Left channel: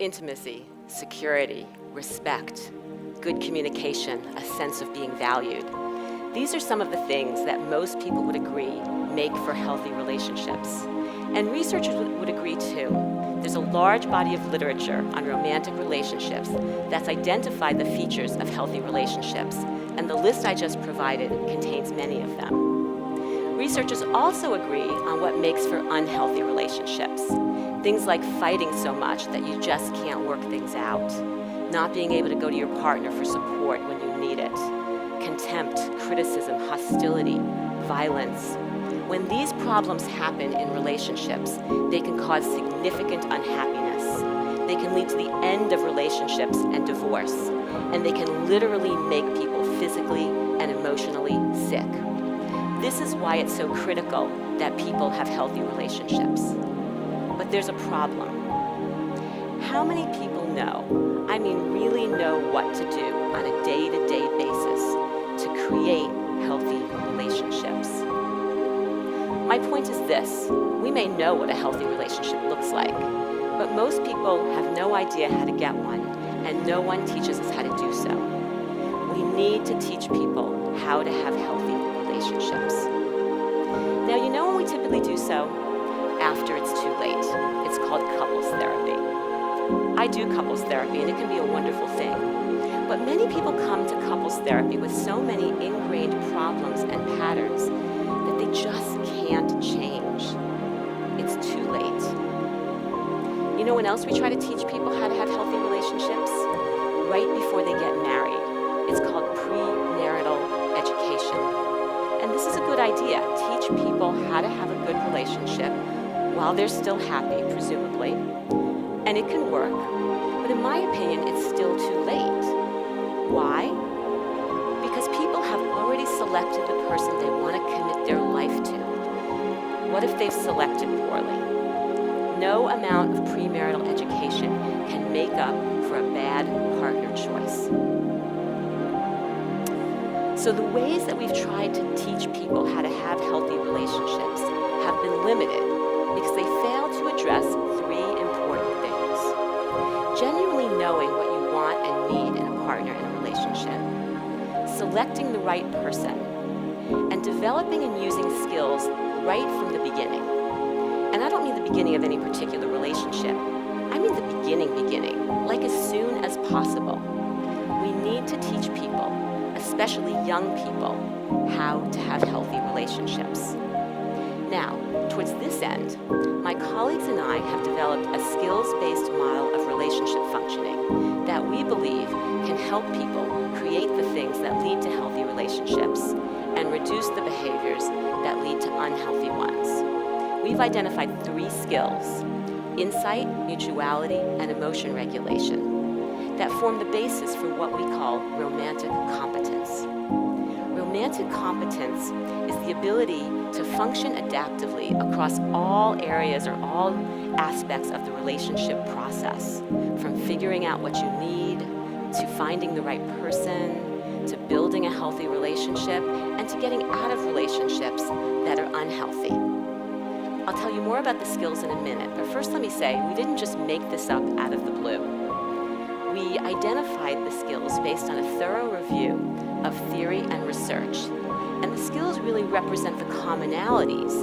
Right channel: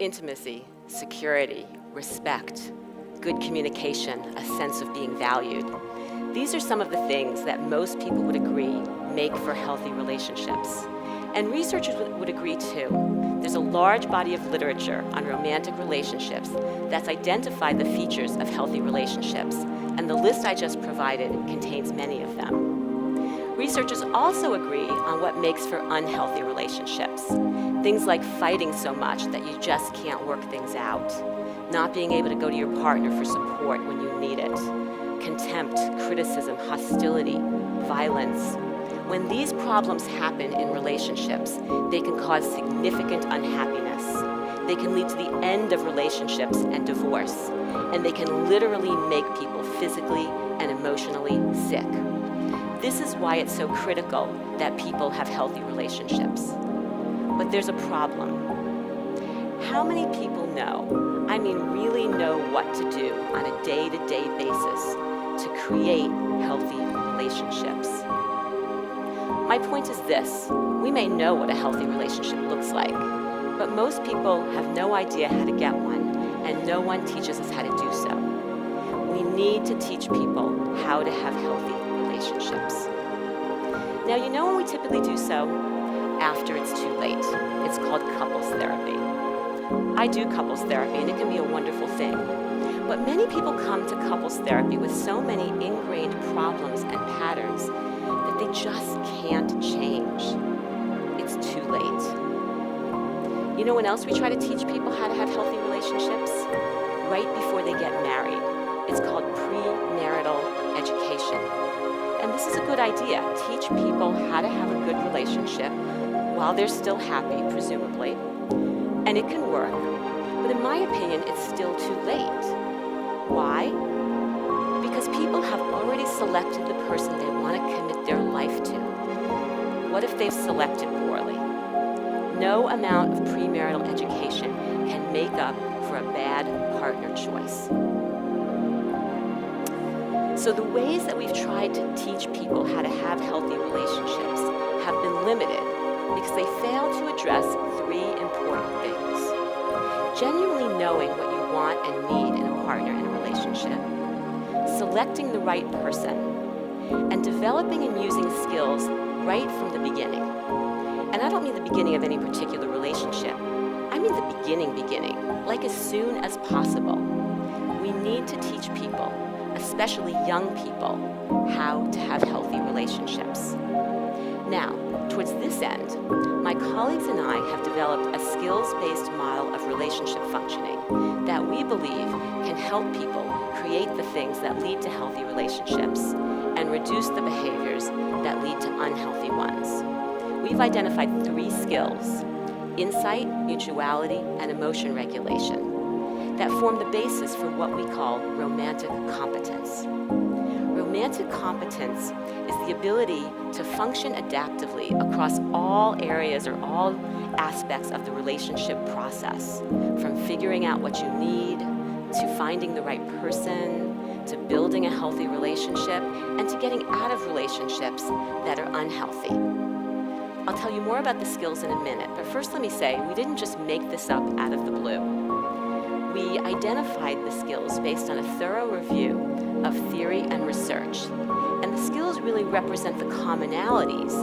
Intimacy, security, respect, good communication, a sense of being valued. These are some of the things that most people would agree make for healthy relationships. And researchers would agree too. There's a large body of literature on romantic relationships that's identified the features of healthy relationships, and the list I just provided contains many of them. Researchers also agree on what makes for unhealthy relationships. Things like fighting so much that you just can't work things out, not being able to go to your partner for support when you need it, contempt, criticism, hostility, violence. When these problems happen in relationships, they can cause significant unhappiness. They can lead to the end of relationships and divorce, and they can literally make people physically and emotionally sick. This is why it's so critical that people have healthy relationships. But there's a problem. How many people know, I mean really know what to do on a day-to-day basis to create healthy relationships? My point is this: we may know what a healthy relationship looks like, but most people have no idea how to get one, and no one teaches us how to do so. We need to teach people how to have healthy relationships. Now, you know when we typically do so? After it's too late. It's called couples therapy. I do couples therapy, and it can be a wonderful thing. But many people come to couples therapy with so many ingrained problems and patterns that they just can't change. It's too late. You know when else we try to teach people how to have healthy relationships? Right before they get married. It's called premarital education. And this is a good idea. Teach people how to have a good relationship while they're still happy, presumably. And it can work, but in my opinion, it's still too late. Why? Because people have already selected the person they want to commit their life to. What if they've selected poorly? No amount of premarital education can make up for a bad partner choice. So the ways that we've tried to teach people how to have healthy relationships have been limited because they fail to address three important things. Genuinely knowing what you want and need in a partner in a relationship, selecting the right person, and developing and using skills right from the beginning. And I don't mean the beginning of any particular relationship. I mean the beginning, like as soon as possible. We need to teach people, especially young people, how to have healthy relationships. Now, towards this end, my colleagues and I have developed a skills-based model of relationship functioning that we believe can help people create the things that lead to healthy relationships and reduce the behaviors that lead to unhealthy ones. We've identified three skills: insight, mutuality, and emotion regulation, that form the basis for what we call romantic competence. Romantic competence is the ability to function adaptively across all areas or all aspects of the relationship process, from figuring out what you need, to finding the right person, to building a healthy relationship, and to getting out of relationships that are unhealthy. I'll tell you more about the skills in a minute, but first let me say, we didn't just make this up out of the blue. We identified the skills based on a thorough review of theory and research. And the skills really represent the commonalities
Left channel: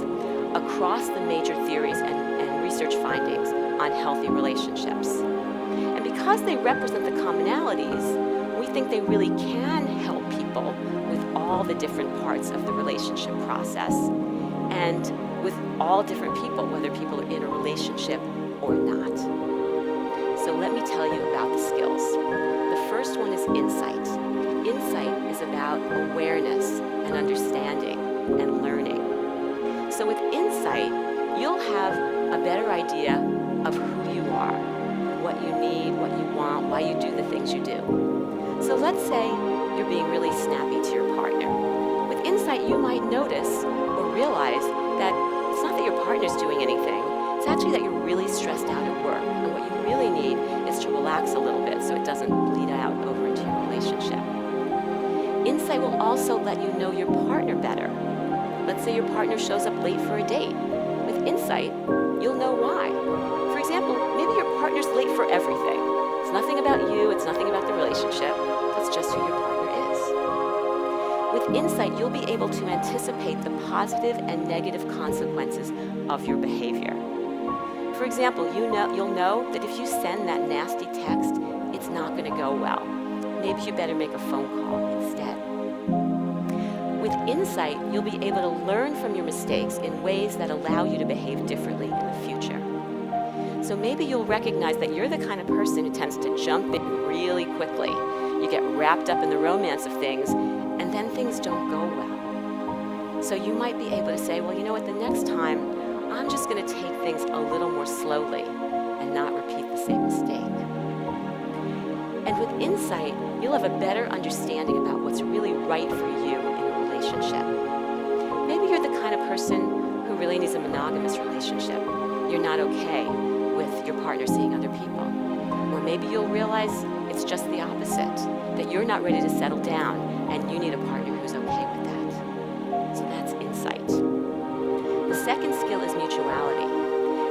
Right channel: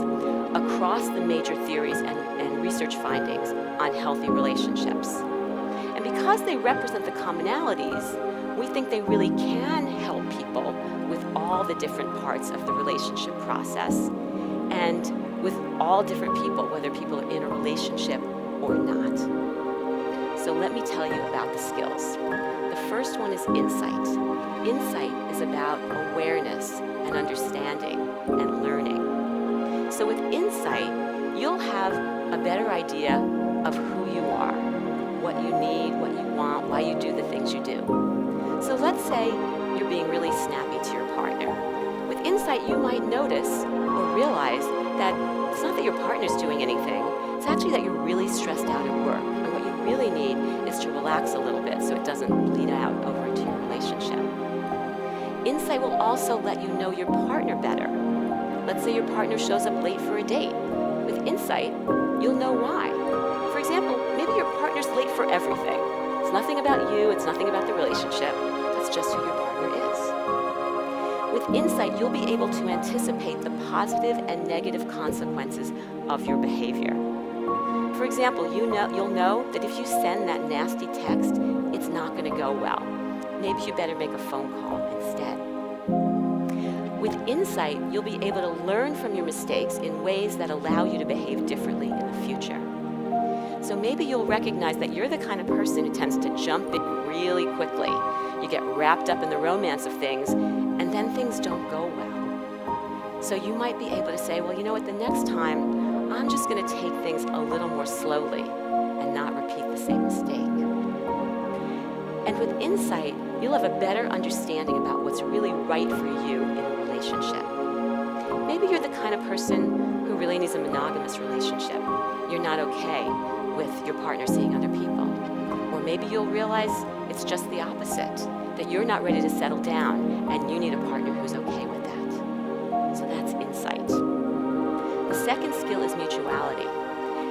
across the major theories and research findings on healthy relationships. And because they represent the commonalities, we think they really can help people with all the different parts of the relationship process and with all different people, whether people are in a relationship or not. So let me tell you about the skills. The first one is insight. Insight is about awareness and understanding and learning. So with insight, you'll have a better idea of who you are, what you need, what you want, why you do the things you do. So let's say you're being really snappy to your partner. With insight, you might notice or realize that it's not that your partner's doing anything, it's actually that you're really stressed out at work, and what you really need is to relax a little bit so it doesn't bleed out over into your relationship. Insight will also let you know your partner better. Let's say your partner shows up late for a date. With insight, you'll know why. For example, maybe your partner's late for everything. It's nothing about you, it's nothing about the relationship. That's just who your partner is. With insight, you'll be able to anticipate the positive and negative consequences of your behavior. For example, you'll know that if you send that nasty text, it's not going to go well. Maybe you better make a phone call instead. With insight, you'll be able to learn from your mistakes in ways that allow you to behave differently in the future. So maybe you'll recognize that you're the kind of person who tends to jump in really quickly. You get wrapped up in the romance of things, and then things don't go well. So you might be able to say, well, you know what, the next time, I'm just going to take things a little more slowly and not repeat the same mistake. And with insight, you'll have a better understanding about what's really right for you in a relationship. Maybe you're the kind of person who really needs a monogamous relationship. You're not okay with your partner seeing other people. Or maybe you'll realize it's just the opposite, that you're not ready to settle down and you need a partner who's okay with that. So that's insight. The second skill is mutuality.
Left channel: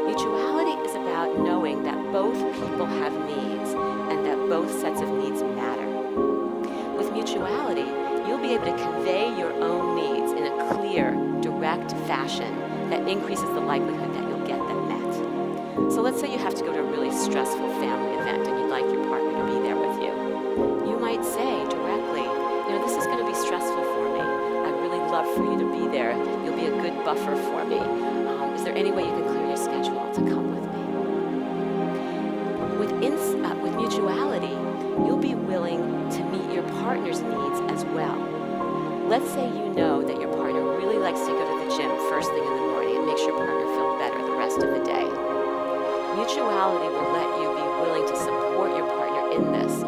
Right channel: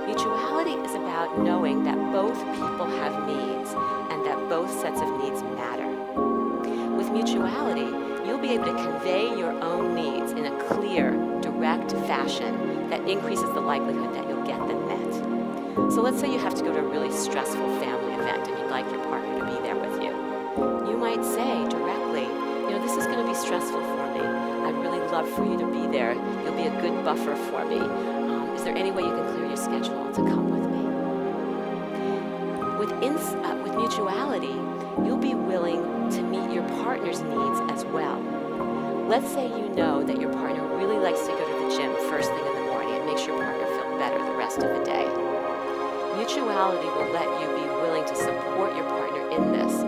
Mutuality is about knowing that both people have needs and that both sets of needs matter. With mutuality, you'll be able to convey your own needs in a clear, direct fashion that increases the likelihood that you'll get them met. So let's say you have to go to a really stressful family event and you'd like your partner to be there with you. You might say directly, this is going to be stressful for me. I'd really love for you to be there. You'll be a good buffer for me. Is there any way you can clear your schedule to come with me? With mutuality, you'll be willing to meet your partner's needs as well. Let's say you know that your partner really likes to go to the gym first thing in the morning. It makes your partner feel better the rest of the day. Mutuality will let you be willing to support your partner in this,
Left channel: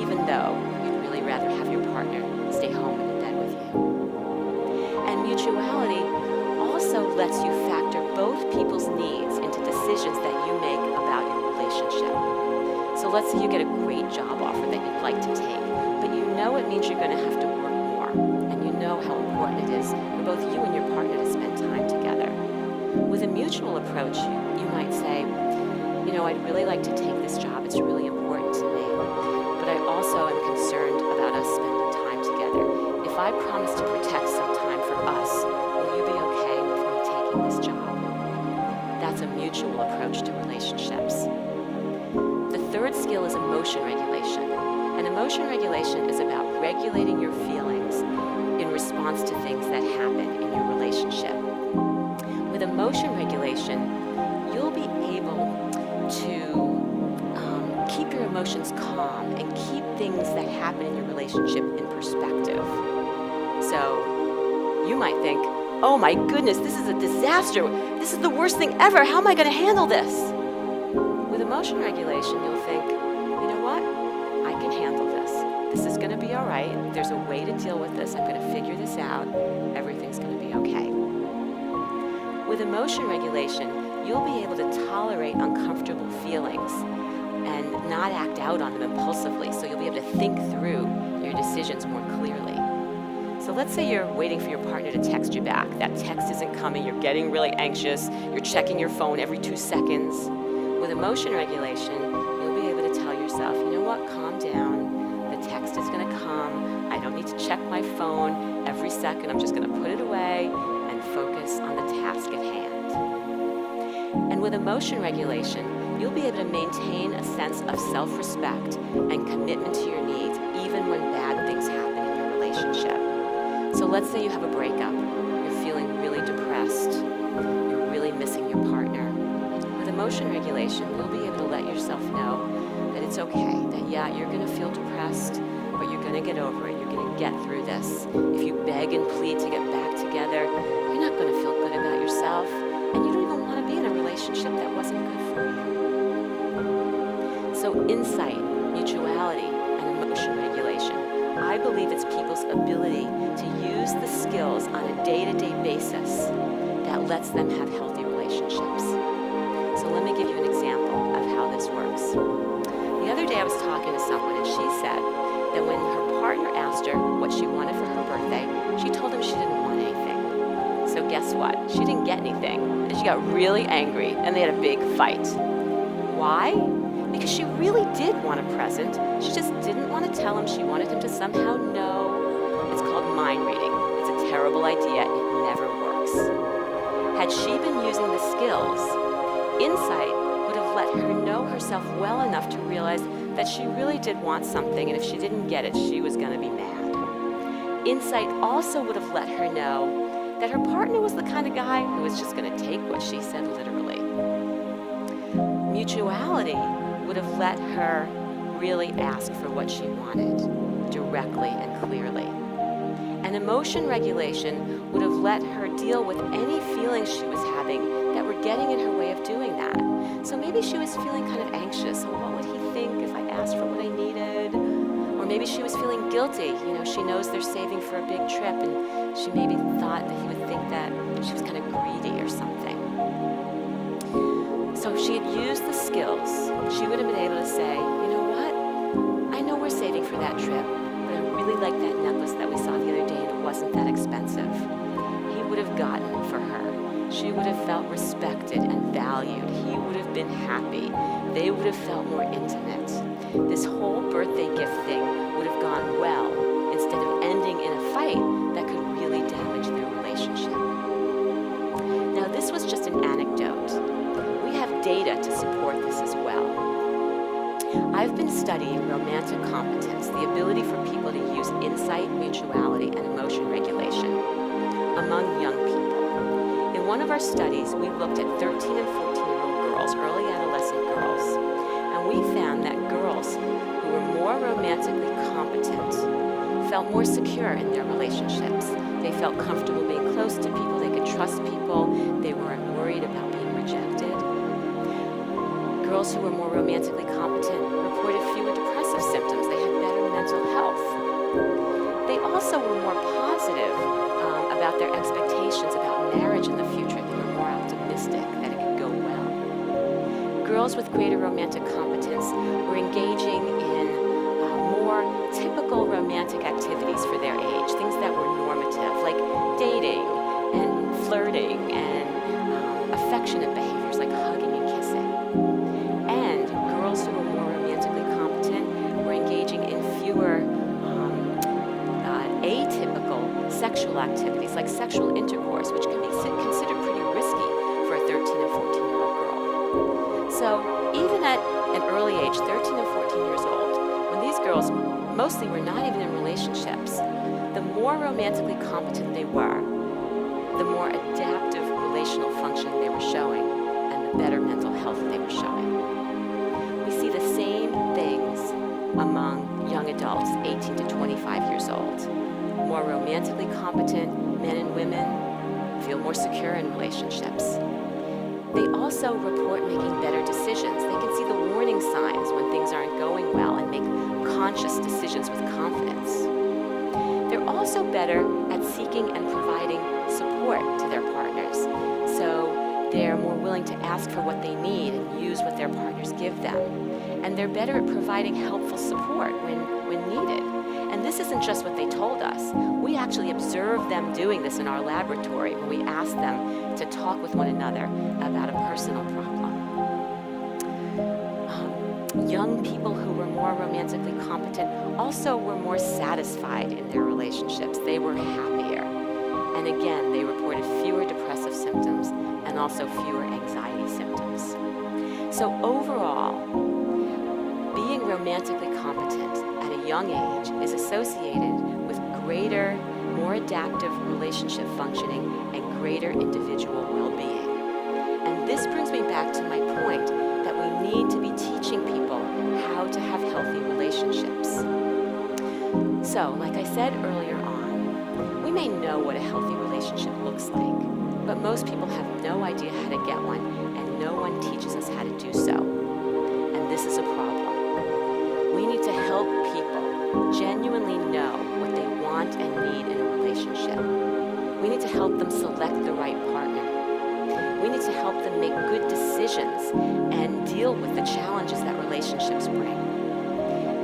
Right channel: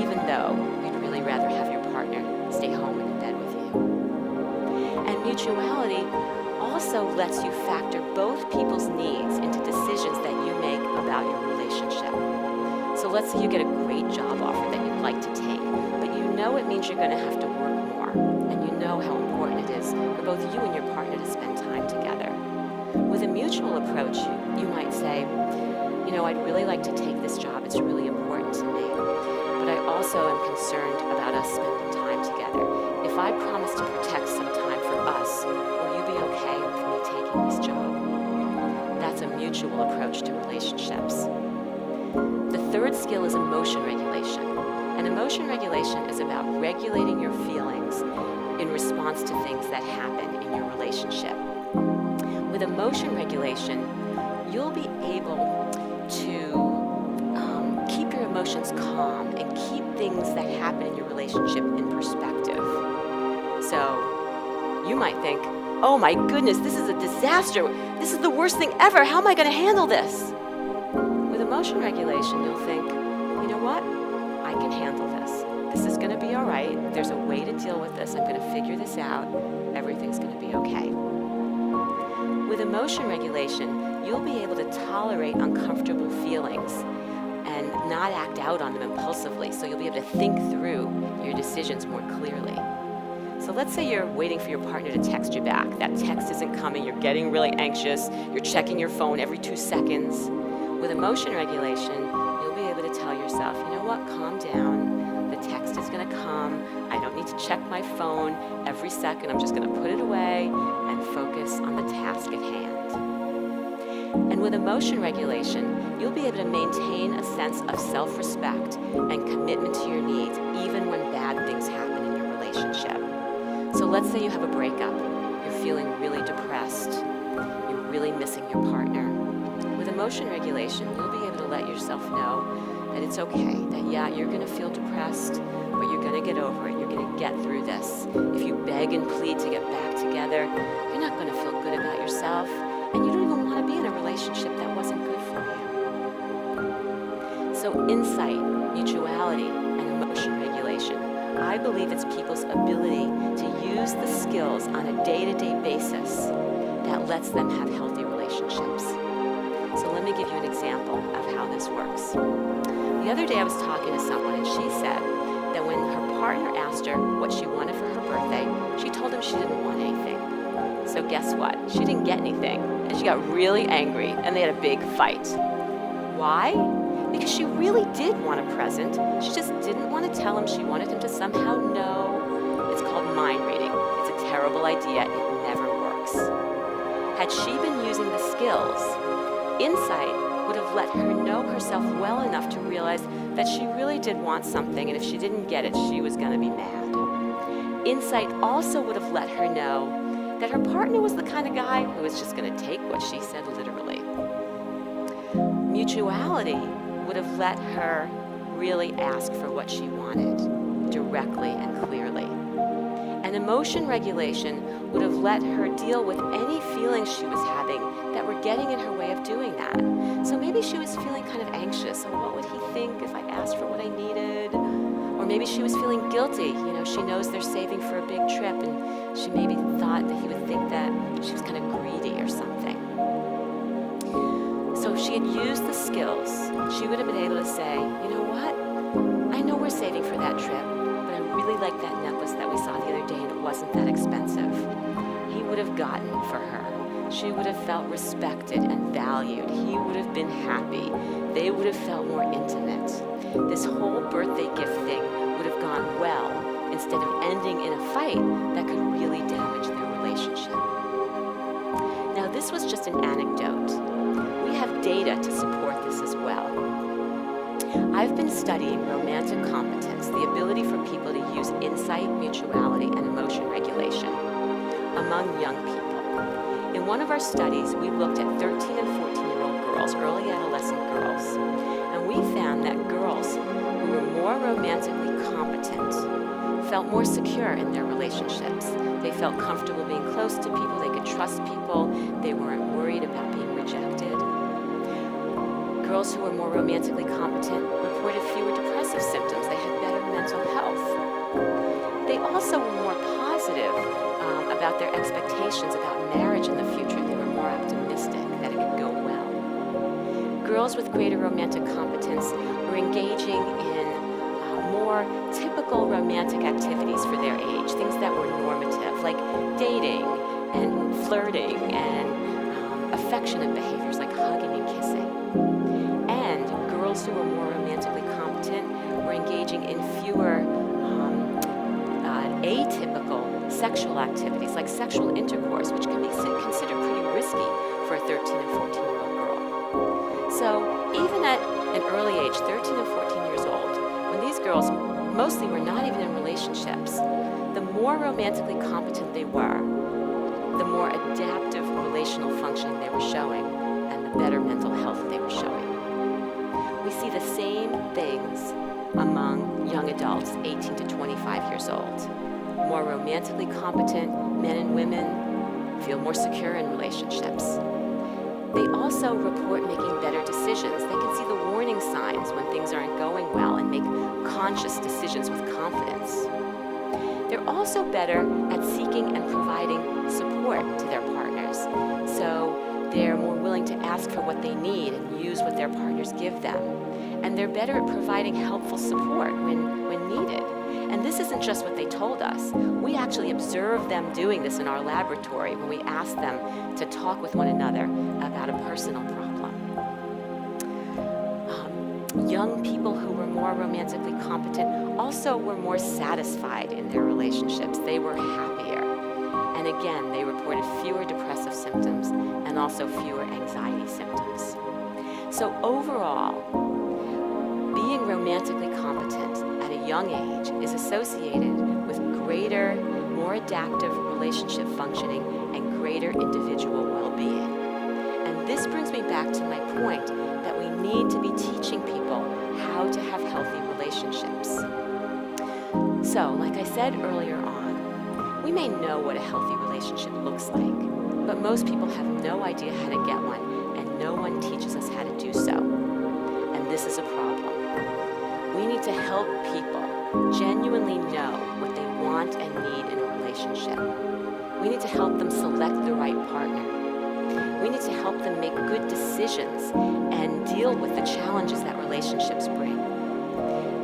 even though you'd really rather have your partner stay home and in bed with you. And mutuality also lets you factor both people's needs into decisions that you make about your relationship. So let's say you get a great job offer that you'd like to take, but you know it means you're going to have to work more, and you know how important it is for both you and your partner to spend time together. With a mutual approach, you might say, I'd really like to take this job. It's really important to me, but I also am concerned about us spending time together. If I promise to protect some time for us, will you be okay with me taking this job? That's a mutual approach to relationships. The third skill is emotion regulation. And emotion regulation is about regulating your feelings in response to things that happen in your relationship. With emotion regulation, you'll be able to keep your emotions calm and keep things that happen in your relationship in perspective. So you might think, oh my goodness, this is a disaster. This is the worst thing ever. How am I going to handle this? With emotion regulation, you'll think, you know what? I can handle this. This is going to be all right. There's a way to deal with this. I'm going to figure this out. Everything's going to be okay. With emotion regulation, you'll be able to tolerate uncomfortable feelings and not act out on them impulsively. So you'll be able to think through your decisions more clearly. So let's say you're waiting for your partner to text you back. That text isn't coming. You're getting really anxious. You're checking your phone every 2 seconds. With emotion regulation, you'll be able to tell yourself, you know what, calm down. The text is going to come. I don't need to check my phone every second. I'm just going to put it away and focus on the task at hand. And with emotion regulation, you'll be able to maintain a sense of self-respect and commitment to your needs, even when bad things happen in your relationship. So let's say you have a breakup. You're feeling really depressed. You're really missing your partner. With emotion regulation, you'll be able to let yourself know that it's okay, that you're going to feel depressed, but you're going to get over it. You're going to get through this. If you beg and plead to get back together, you're not going to feel good about yourself, and you don't even want to be in a relationship that wasn't good for you. So insight, mutuality, and emotion regulation, I believe it's people's ability to use the skills on a day-to-day basis that lets them have healthy relationships. So let me give you an example of how this works. The other day I was talking to someone and she said that when her partner asked her what she wanted for her birthday, she told him she didn't want anything. So guess what? She didn't get anything and she got really angry and they had a big fight. Why? Because she really did want a present. She just didn't want to tell him. She wanted him to somehow know. It's called mind reading. It's a terrible idea. It never works. Had she been using the skills, insight would have let her know herself well enough to realize that she really did want something, and if she didn't get it, she was going to be mad. Insight also would have let her know that her partner was the kind of guy who was just going to take what she said literally. Mutuality would have let her really ask for what she wanted, directly and clearly. And emotion regulation would have let her deal with any feelings she was having that were getting in her way of doing that. So maybe she was feeling kind of anxious. Oh, what would he think if I asked for what I needed? Or maybe she was feeling guilty. She knows they're saving for a big trip, and she maybe thought that he would think that she was kind of greedy or something. So if she had used the skills, she would have been able to say, you know what? I know we're saving for that trip, but I really like that necklace that we saw the other day, and it wasn't that expensive. He would have gotten it for her. She would have felt respected and valued. He would have been happy. They would have felt more intimate. This whole birthday gift thing would have gone well instead of ending in a fight that could really damage their relationship. Now, this was just an anecdote. We have data to support this as well. I've been studying romantic competence, the ability for people to use insight, mutuality, and emotion regulation among young people. In one of our studies, we looked at 13 and 14-year-old girls, early adolescent girls, and we found that girls who were more romantically competent felt more secure in their relationships. They felt comfortable being close to people, they could trust people, they weren't worried about being rejected. Girls who were more romantically competent reported fewer depressive symptoms. They had better mental health. They also were more positive about their expectations about marriage in the future. They were more optimistic that it could go well. Girls with greater romantic competence were engaging in more typical romantic activities for their age, things that were normative, like dating and flirting and affectionate behaviors like hugging and kissing. And girls who were more romantically competent were engaging in fewer atypical sexual activities like sexual intercourse, which can be considered pretty risky for a 13 and 14-year-old girl. So even at an early age, 13 and 14 years old, when these girls mostly were not even in relationships, the more romantically competent they were, the more adaptive relational functioning they were showing, and the better mental health they were showing. We see the same things among young adults, 18 to 25 years old. More romantically competent men and women feel more secure in relationships. They also report making better decisions. They can see the warning signs when things aren't going well and make conscious decisions with confidence. They're also better at seeking and providing support to their partners. So they're more willing to ask for what they need and use what their partners give them. And they're better at providing helpful support when needed. And this isn't just what they told us. We actually observed them doing this in our laboratory when we asked them to talk with one another about a personal problem. Young people who were more romantically competent also were more satisfied in their relationships. They were happier. And again, they reported fewer depressive symptoms and also fewer anxiety symptoms. So overall, being romantically competent at a young age is associated with greater, more adaptive relationship functioning and greater individual well-being. And this brings me back to my point that we need to be teaching people how to have healthy relationships. So, like I said earlier on, we may know what a healthy relationship looks like, but most people have no idea how to get one, and no one teaches us how to do so. And this is a problem. We need to help people genuinely know what they want and need in a relationship. We need to help them select the right partner. We need to help them make good decisions and deal with the challenges that relationships bring.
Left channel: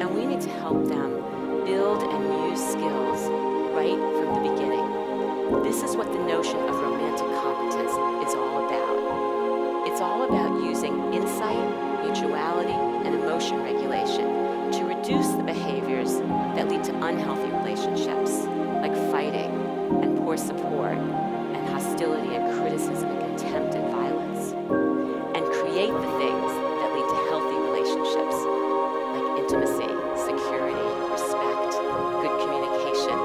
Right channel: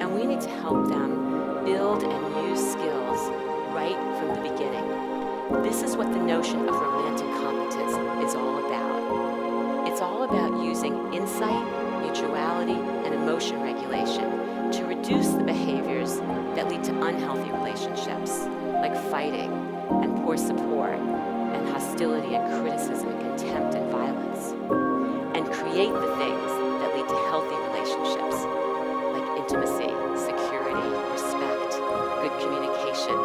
And we need to help them build and use skills right from the beginning. This is what the notion of romantic competence is all about. It's all about using insight, mutuality, and emotion regulation to reduce the behaviors that lead to unhealthy relationships, like fighting and poor support and hostility and criticism and contempt and violence, and create the things that lead to healthy relationships, like intimacy, security, respect, good communication,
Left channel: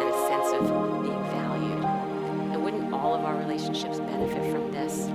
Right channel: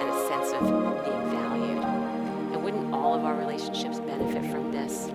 and a sense of being valued. And wouldn't all of our relationships benefit from this?